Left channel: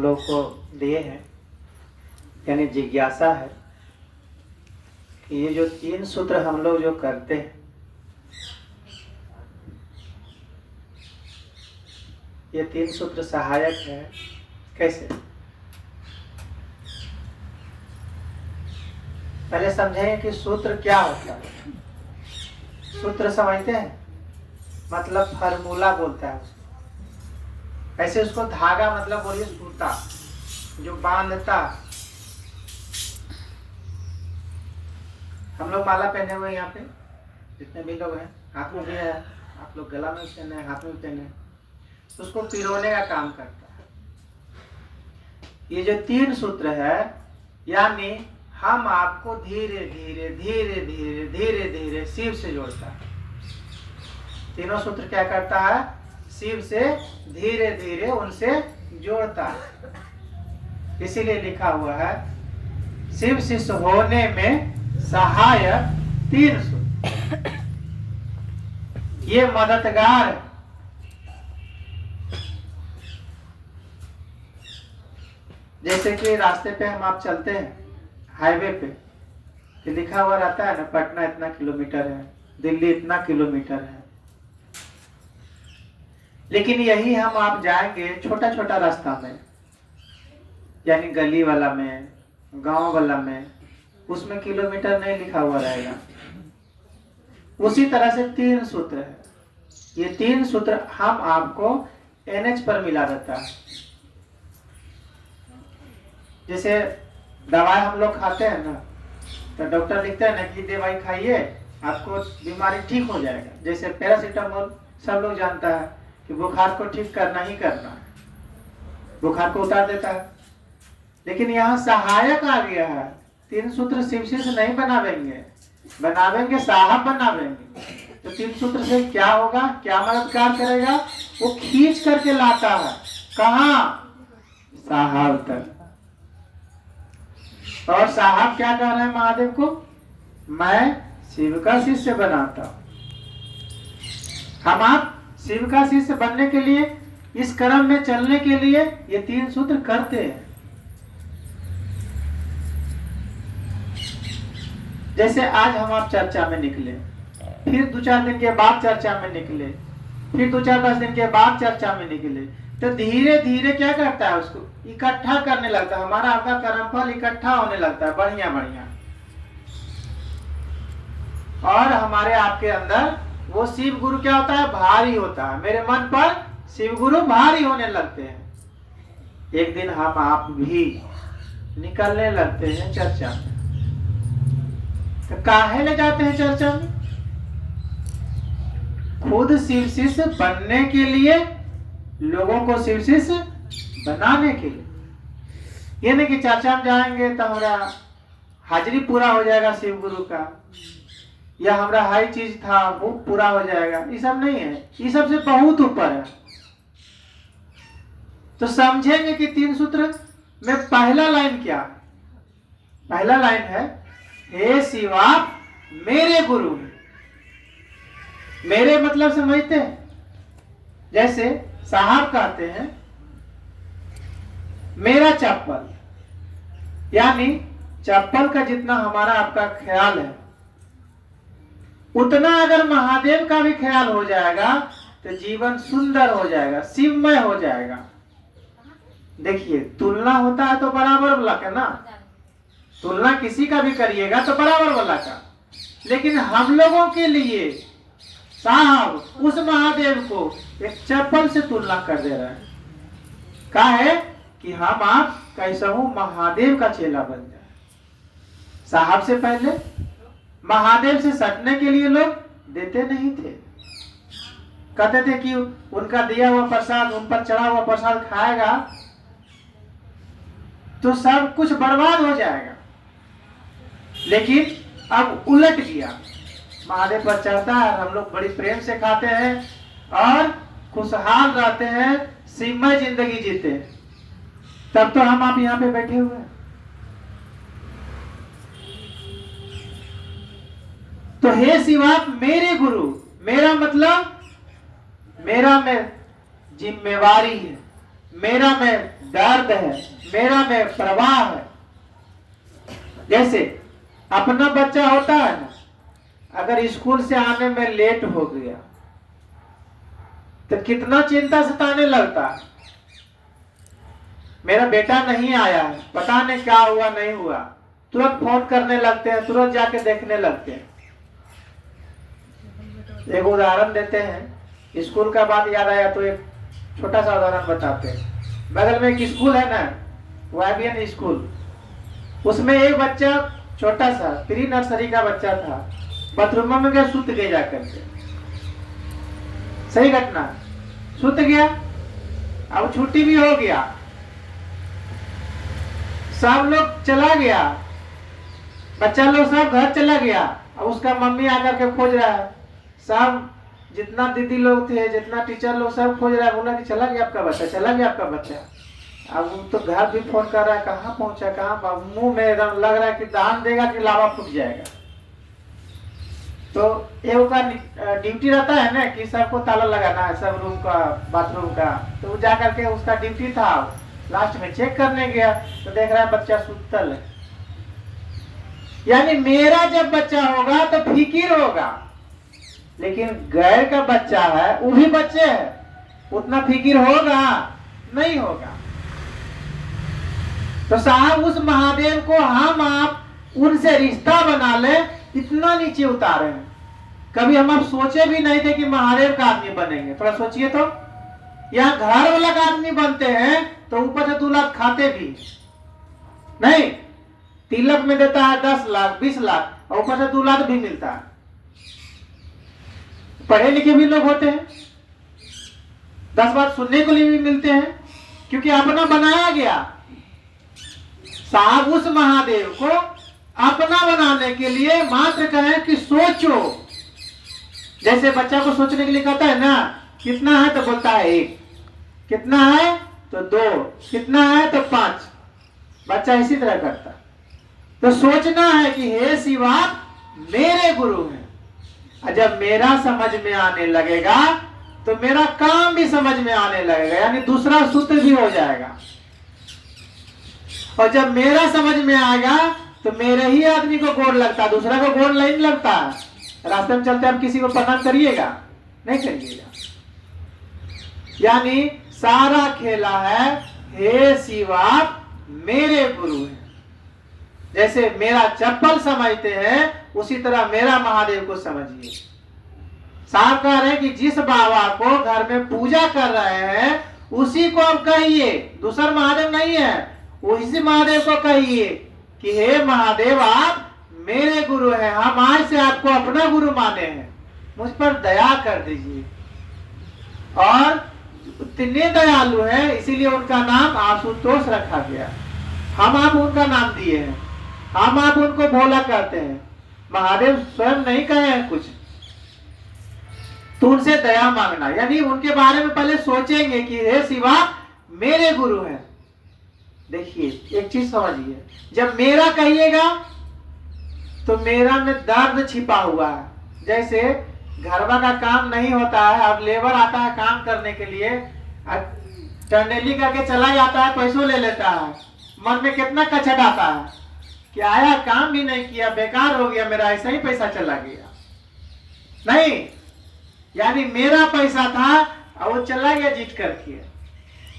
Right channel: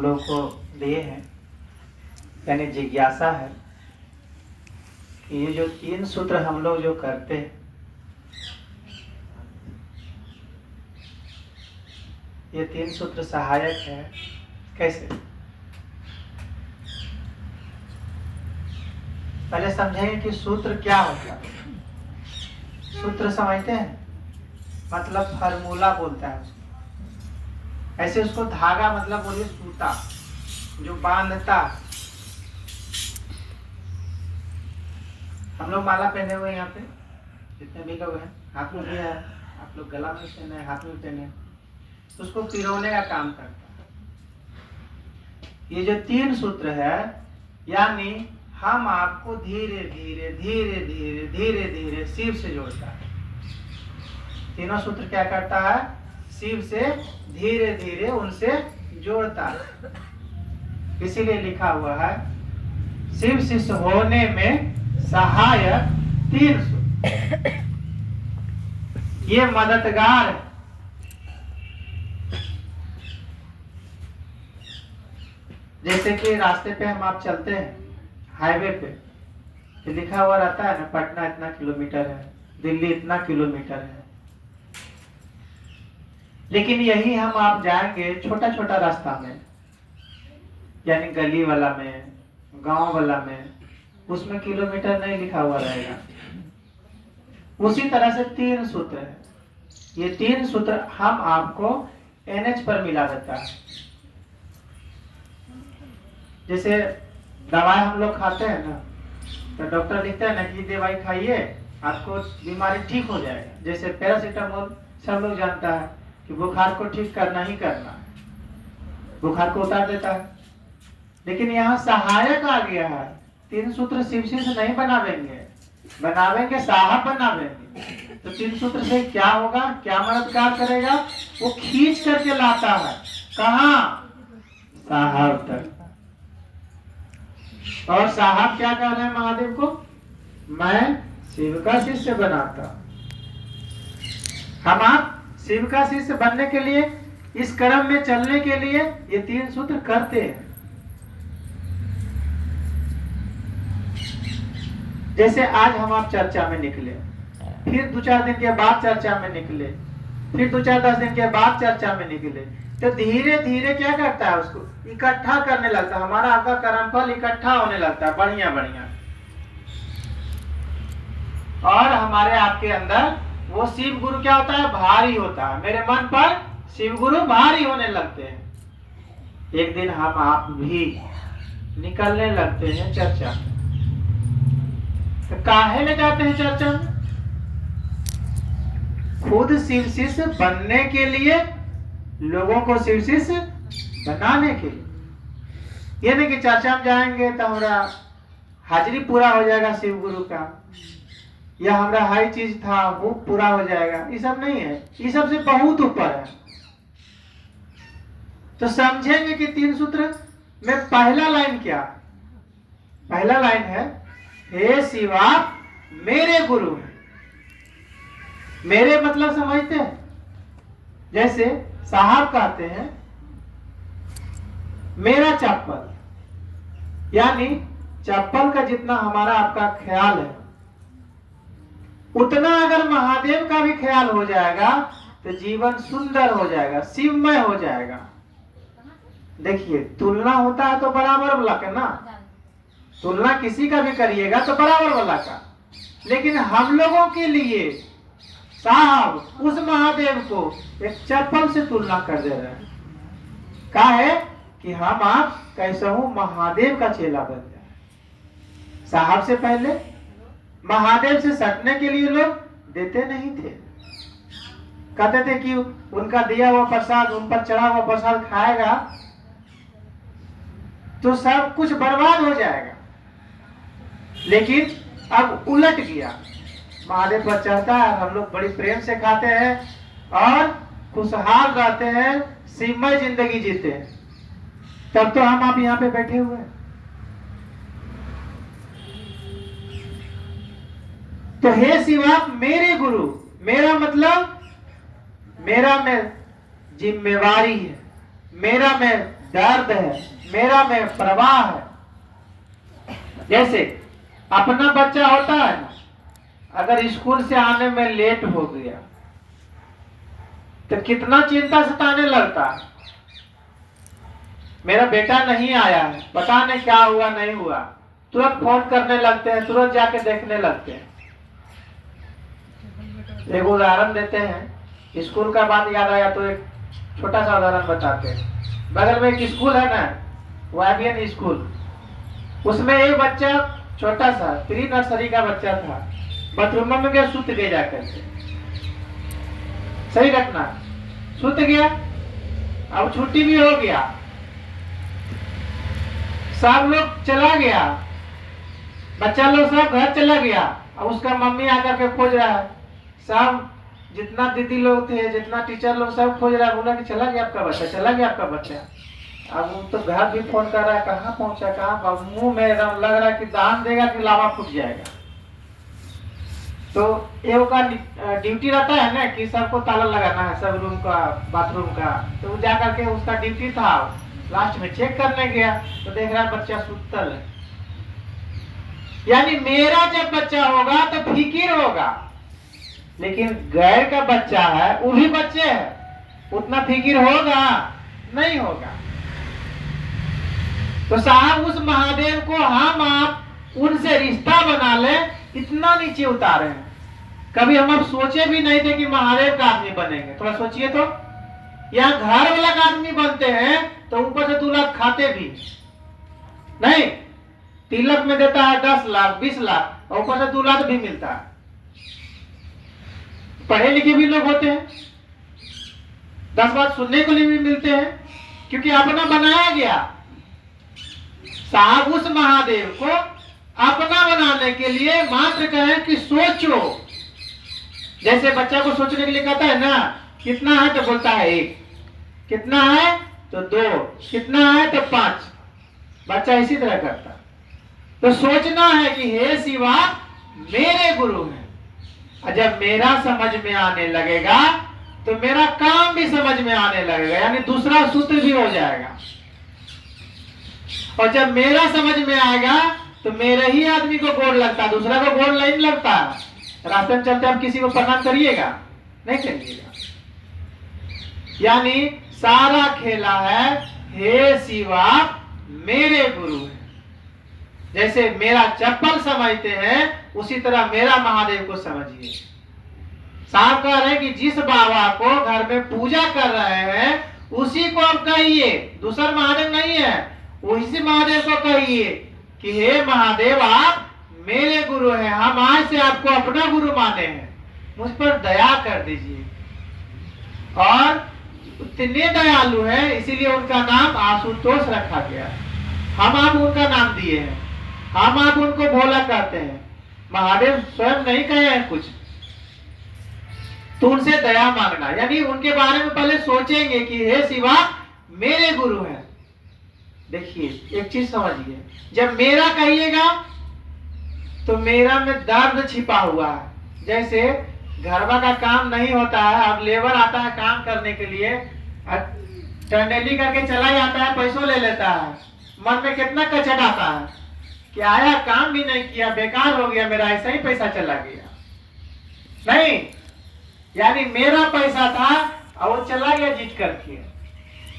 हम लोग को लिए हैं, यानी जिज्ञासा है कि ये जो 3 सूत्र हम लोग जो करते हैं, ये 3 सूत्र सहायक है। कैसे? पहले समझेंगे कि सूत्र क्या होता है। सूत्र समझते हैं, मतलब फार्मूला बोलता है उसको। ऐसे उसको धागा मतलब बोलिए सूता, जो बांधता। हम लोग माला पहने हुए यहाँ पे जितने भी लोग हैं, हाथ में भी है, आप लोग गला में पहने हैं, हाथ में पहने, तो उसको पिरोने का काम करता है। ये जो 3 सूत्र है, यानी हम आपको धीरे धीरे धीरे धीरे धीरे धीरे शिव से जोड़ता है। तीनों सूत्र क्या करता है? शिव से धीरे धीरे उनसे जोड़ता है। इसीलिए लिखा हुआ है शिव शिष्य होने में सहायक 3 सूत्र, ये मददगार है। जैसे कि रास्ते पे हम आप चलते हैं, हाईवे पे तो लिखा हुआ रहता है ना, पटना इतना किलोमीटर है, दिल्ली इतना किलोमीटर है। लेकिन यही हम आप जाएंगे छोटा छोटा रास्ता में, यानी गली वाला में, गांव वाला में, उसमें किलोमीटर नहीं लिखा हुआ रहेगा। उसी तरह से 3 सूत्र है। ये 3 सूत्र हम आपको NH पर मिला देता है। जैसे दवाई हम लोग खाते हैं ना, तो डॉक्टर लिखता है ना कि दवाई खाइए, आपको बीमारी ठीक हो जाएगा। जैसे पैरासीटामोल सब लोग जानता है कि बुखार को ठीक करना ही करना है, बुखार को उतार देता है। लेकिन यहाँ सहायक आ गया है। 3 सूत्र शिव शिष्य नहीं बनावेंगे, बनावेंगे साहब बनावेंगे। तो 3 सूत्र से क्या होगा, क्या मददगार करेगा? वो खींच करके लाता है कहाँ? साहब तक। और साहब क्या कह रहे हैं महादेव को? मैं शिव का शिष्य बनाता। हम आप शिव का शिष्य बनने के लिए, इस क्रम में चलने के लिए ये 3 सूत्र करते हैं। जैसे आज हम आप चर्चा में निकले, फिर 2-4 दिन के बाद चर्चा में निकले, फिर 2-4-10 दिन के बाद चर्चा में निकले, तो धीरे धीरे क्या करता है? उसको इकट्ठा करने लगता है। हमारा आपका कर्मफल इकट्ठा होने लगता है, बढ़िया बढ़िया। और हमारे आपके अंदर वो शिव गुरु क्या होता है? भारी होता है। मेरे मन पर शिव गुरु भारी होने लगते हैं। एक दिन हम आप भी निकलने लगते हैं चर्चा में। तो काहे ले जाते हैं चर्चा में? खुद शिव शिष्य बनने के लिए, लोगों को शिव शिष्य बनाने के लिए। ये नहीं कि चर्चा में जाएंगे तो हमारा हाजिरी पूरा हो जाएगा शिव गुरु का, या हमारा हाई चीज था वो पूरा हो जाएगा। ये सब नहीं है, ये सब से बहुत ऊपर है। तो समझेंगे कि 3 सूत्र में पहला लाइन क्या? पहला लाइन है, हे शिवा मेरे गुरु। मेरे मतलब समझते हैं? जैसे साहब कहते हैं मेरा चप्पल, यानी चप्पल का जितना हमारा आपका ख्याल है, उतना अगर महादेव का भी ख्याल हो जाएगा तो जीवन सुंदर हो जाएगा, शिवमय हो जाएगा। देखिए, तुलना होता है तो बराबर वाला का ना, तुलना किसी का भी करिएगा तो बराबर वाला का। लेकिन हम लोगों के लिए साहब उस महादेव को एक चप्पल से तुलना कर दे रहा है। कहा है कि हम आप कैसा हूं महादेव का चेला बन जाए। साहब से पहले महादेव से सटने के लिए लोग देते नहीं थे। कहते थे कि उनका दिया हुआ प्रसाद, उन पर चढ़ा हुआ प्रसाद खाएगा तो सब कुछ बर्बाद हो जाएगा। लेकिन अब उलट गया, महादेव पर चढ़ता है, हम लोग बड़ी प्रेम से खाते हैं और खुशहाल रहते हैं, शिवमय जिंदगी जीते हैं। तब तो हम आप यहाँ पे बैठे हुए हैं। तो हे शिवा मेरे गुरु, मेरा मतलब मेरा में जिम्मेवारी है, मेरा में दर्द है, मेरा में प्रवाह है। जैसे अपना बच्चा होता है ना, अगर स्कूल से आने में लेट हो गया तो कितना चिंता सताने लगता है। मेरा बेटा नहीं आया है, पता नहीं क्या हुआ नहीं हुआ, तुरंत फोन करने लगते हैं, तुरंत जाके देखने लगते हैं। एक उदाहरण देते हैं, स्कूल का बात याद आया तो एक छोटा सा उदाहरण बताते हैं। बगल में एक स्कूल है ना, वाइबियन स्कूल, उसमें एक बच्चा छोटा सा प्री नर्सरी का बच्चा था, बाथरूम में गया, सुत गया जाकर के। सही घटना, सुत गया। अब छुट्टी भी हो गया, सब लोग चला गया, बच्चा लोग सब घर चला गया। अब उसका मम्मी आकर के खोज रहा है, सब जितना दीदी लोग थे, जितना टीचर लोग, सब खोज रहा है, बोला कि चला गया आपका बच्चा, चला गया आपका बच्चा। अब वो तो घर भी फोन कर रहा है, कहाँ पहुंचा, कहाँ, मुंह में एकदम लग रहा है कि दान देगा कि लावा फूट जाएगा। तो एक का ड्यूटी रहता है ना कि सबको ताला लगाना है, सब रूम का, बाथरूम का। तो वो जाकर के उसका ड्यूटी था, लास्ट में चेक करने गया तो देख रहा है बच्चा सुतल है। यानी मेरा जब बच्चा होगा तो फिकिर होगा, लेकिन गैर का बच्चा है, वो भी बच्चे है, उतना फिकिर होगा नहीं होगा। तो साहब उस महादेव को हम आप उनसे रिश्ता बना ले, इतना नीचे उतारे हैं। कभी हम आप सोचे भी नहीं थे कि महादेव का आदमी बनेंगे। थोड़ा सोचिए तो, यहाँ घर वाला का आदमी बनते हैं तो ऊपर से 2 लाख खाते भी नहीं, तिलक में देता है 10 लाख 20 लाख, और ऊपर से 2 लाख भी मिलता है। पढ़े लिखे भी लोग होते हैं, 10 बात सुनने के लिए भी मिलते हैं, क्योंकि अपना बनाया गया। साहब उस महादेव को अपना बनाने के लिए मात्र कहें कि सोचो। जैसे बच्चा को सोचने के लिए कहता है ना, कितना है तो बोलता है 1, कितना है तो 2, कितना है तो 5। बच्चा इसी तरह करता। तो सोचना है कि हे शिवा मेरे गुरु हैं, और जब मेरा समझ में आने लगेगा तो मेरा काम भी समझ में आने लगेगा, यानी दूसरा सूत्र भी हो जाएगा। और जब मेरा समझ में आएगा तो मेरे ही आदमी को गोड़ लगता, दूसरा को गोड़ नहीं लगता। रास्ते में चलते आप किसी को प्रणाम करिएगा नहीं करिएगा। यानी सारा खेला है हे शिवा मेरे गुरु है। जैसे मेरा चप्पल समझते हैं उसी तरह मेरा महादेव को समझिए। साहब कह रहे हैं कि जिस बाबा को घर में पूजा कर रहे हैं उसी को आप कहिए, दूसरा महादेव नहीं है, उसी महादेव को कहिए कि हे महादेव आप मेरे गुरु हैं, हम आज से आपको अपना गुरु माने हैं, मुझ पर दया कर दीजिए। और इतने दयालु हैं इसीलिए उनका नाम आशुतोष रखा गया। हम आप उनका नाम दिए हैं, हम आप उनको भोला कहते हैं। महादेव स्वयं नहीं कहे हैं कुछ, तो उनसे दया मांगना, यानी उनके बारे में पहले सोचेंगे कि हे शिवा मेरे गुरु हैं। देखिए एक चीज समझिए, जब मेरा कहिएगा तो मेरा में दर्द छिपा हुआ है। जैसे घरवा का काम नहीं होता है, अब लेबर आता है काम करने के लिए, टंडेली करके चला जाता है, पैसों ले लेता है, मन में कितना कचट आता है कि आया काम भी नहीं किया, बेकार हो गया मेरा, ऐसा ही पैसा चला गया। नहीं, यानी मेरा पैसा था और वो चला गया जीत करके।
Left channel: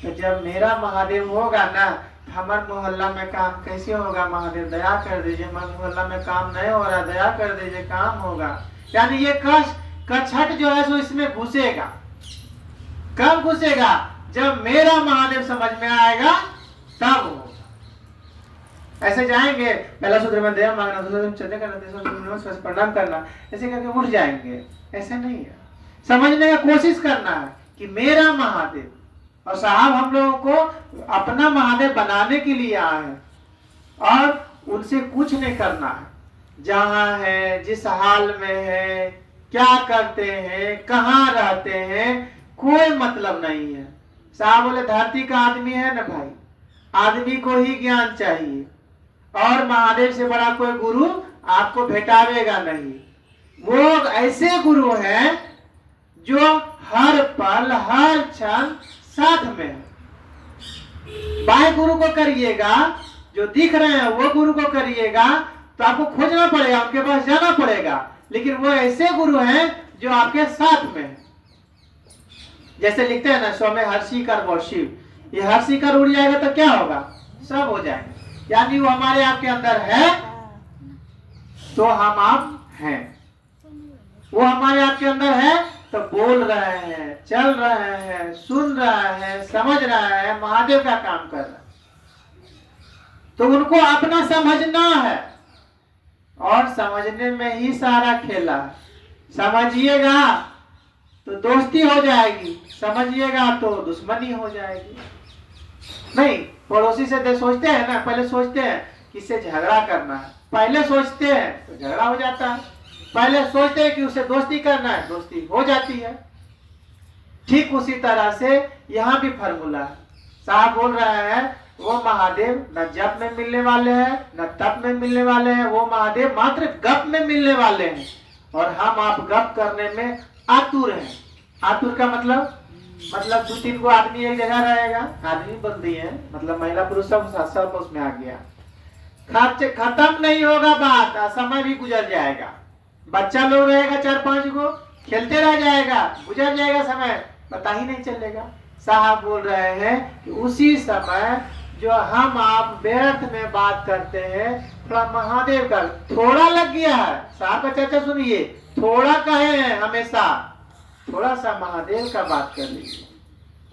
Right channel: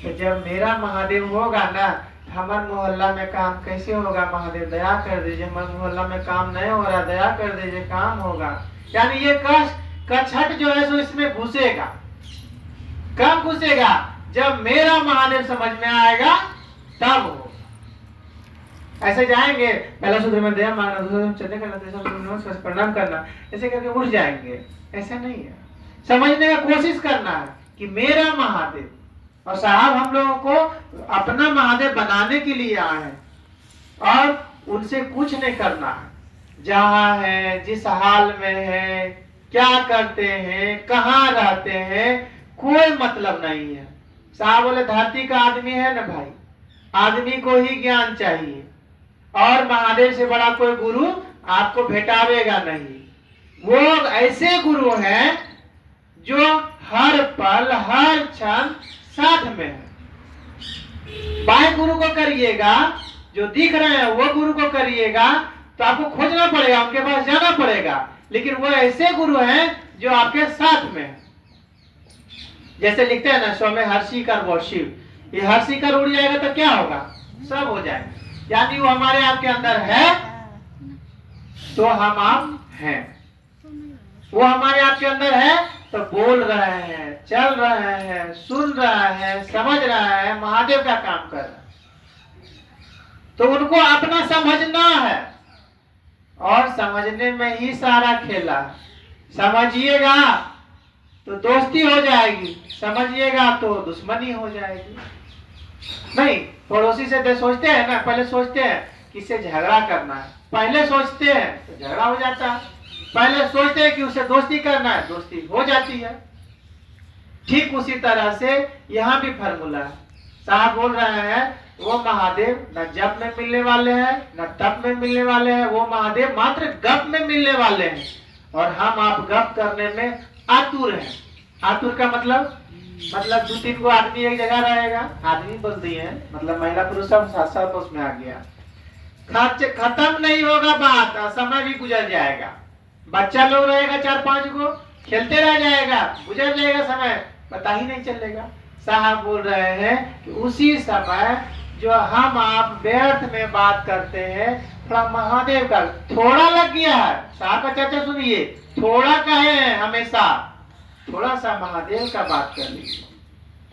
तो जब मेरा महादेव होगा ना, हमारे मोहल्ला में काम कैसे होगा, महादेव दया कर दीजिए, हमारे मोहल्ला में काम नहीं हो रहा, दया कर दीजिए, काम होगा। यानी ये कछट जो है सो इसमें घुसेगा। कब घुसेगा? जब मेरा महादेव समझ में आएगा तब होगा। ऐसे जाएंगे, पहला सूत्र में दया मांगना, दूसरे चलते करना, प्रणाम करना, ऐसे करके उठ जाएंगे। ऐसा नहीं है, समझने का कोशिश करना है कि मेरा महादेव। और साहब हम लोगों को अपना महादेव बनाने के लिए आए हैं और उनसे कुछ नहीं करना है। जहां है, जिस हाल में है, क्या करते हैं, कहाँ रहते हैं, कोई मतलब नहीं है। साहब बोले धरती का आदमी है ना भाई, आदमी को ही ज्ञान चाहिए, और महादेव से बड़ा कोई गुरु आपको भेटावेगा नहीं। वो ऐसे गुरु हैं जो हर पल हर क्षण साथ में है। बाएं गुरु को करिएगा, जो दिख रहे हैं वो गुरु को करिएगा, तो आपको खोजना पड़ेगा, उनके पास जाना पड़ेगा। लेकिन वो ऐसे गुरु हैं जो आपके साथ में है। जैसे लिखते हैं ना, स्व में हर्षी कर वो शिव, ये हर्षी कर उड़ जाएगा तो क्या होगा, सब हो जाएगा। यानी वो हमारे आपके अंदर है तो हम आप हैं, वो हमारे आपके अंदर है तो बोल रहे हैं, चल रहे हैं, सुन रहे हैं, समझ रहे हैं, महादेव का काम कर रहे हैं। तो उनको अपना समझना है, और समझने में ही सारा खेला है। समझिएगा तो दोस्ती हो जाएगी, समझिएगा तो दुश्मनी हो जाएगी। नहीं, पड़ोसी से सोचते हैं ना, पहले सोचते हैं किससे झगड़ा करना है, पहले सोचते हैं तो झगड़ा हो जाता है। पहले सोचते हैं कि उससे दोस्ती करना है, दोस्ती हो जाती है। ठीक उसी तरह से यहाँ भी फॉर्मूला साहब बोल रहे हैं, वो महादेव न जप में मिलने वाले हैं न तप में मिलने वाले हैं, वो महादेव मात्र गप में मिलने वाले हैं। और हम आप गप करने में आतुर हैं। आतुर का मतलब 2-3 को आदमी एक जगह रहेगा, आदमी बोल दिए मतलब महिला पुरुष सब उसमें आ गया। खत्म नहीं होगा बात, समय भी गुजर जाएगा। बच्चा लोग रहेगा 4-5 को, खेलते रह जाएगा, गुजर जाएगा समय, पता ही नहीं चलेगा। साहब बोल रहे हैं कि उसी समय जो हम आप व्यर्थ में बात करते हैं, थोड़ा महादेव का थोड़ा लग गया है। साहब का चर्चा सुनिए, थोड़ा कहे हैं हमेशा, थोड़ा सा महादेव का बात कर लीजिए।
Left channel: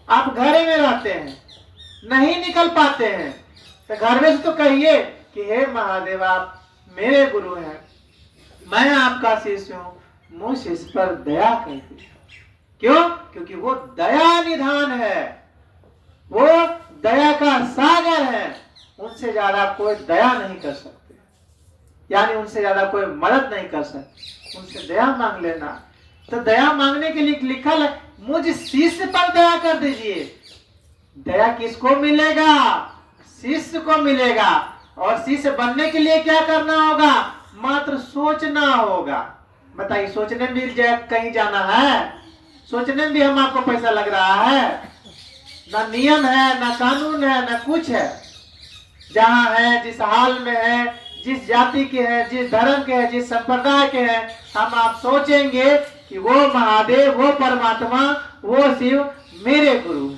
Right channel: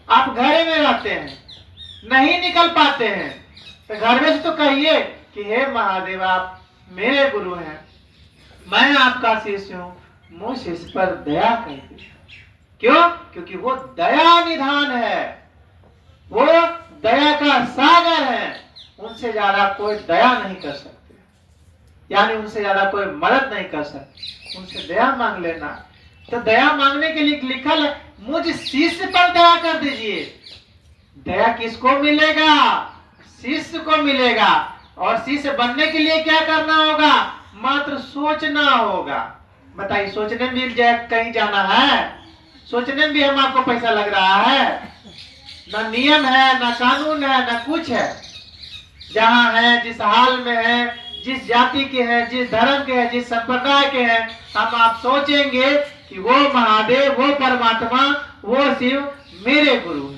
आप घर में रहते हैं, नहीं निकल पाते हैं, तो घर में से तो कहिए कि हे महादेव आप मेरे गुरु हैं, मैं आपका शिष्य हूँ, मुझ इस पर दया कर दीजिए। क्यों? क्योंकि वो दया निधान है, वो दया का सागर है। उनसे ज्यादा कोई दया नहीं कर सकते, यानी उनसे ज्यादा कोई मदद नहीं कर सकते। उनसे दया मांग लेना। तो दया मांगने के लिए लिखा है, मुझ शिष्य पर दया कर दीजिए। दया किसको मिलेगा? शिष्य को मिलेगा। और शिष्य बनने के लिए क्या करना होगा? मात्र सोचना होगा। बताइए, सोचने में भी कहीं जाना है? सोचने में भी हम आपको पैसा लग रहा है? ना नियम है, ना कानून है, ना कुछ है। जहाँ है, जिस हाल में है, जिस जाति के हैं, जिस धर्म के हैं, जिस संप्रदाय के हैं, हम आप सोचेंगे कि वो महादेव, वो परमात्मा, वो शिव मेरे गुरु,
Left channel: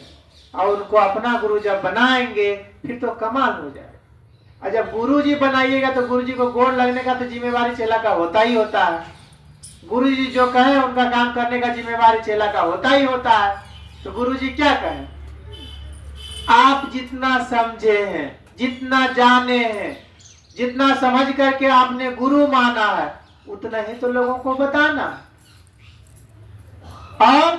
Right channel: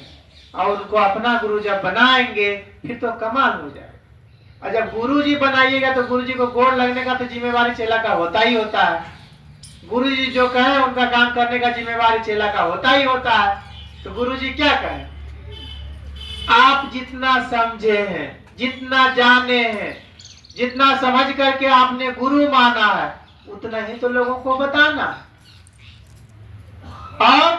और उनको अपना गुरु जब बनाएंगे फिर तो कमाल हो जाएगा। और जब गुरु जी बनाइएगा तो गुरु जी को गोड़ लगने का तो जिम्मेवारी चेला का होता ही होता है। गुरु जी जो कहे उनका काम करने का जिम्मेवारी चेला का होता ही होता है। तो गुरु जी क्या कहें? आप जितना समझे हैं, जितना जाने हैं, जितना समझ करके आपने गुरु माना है, उतना ही तो लोगों को बताना है। और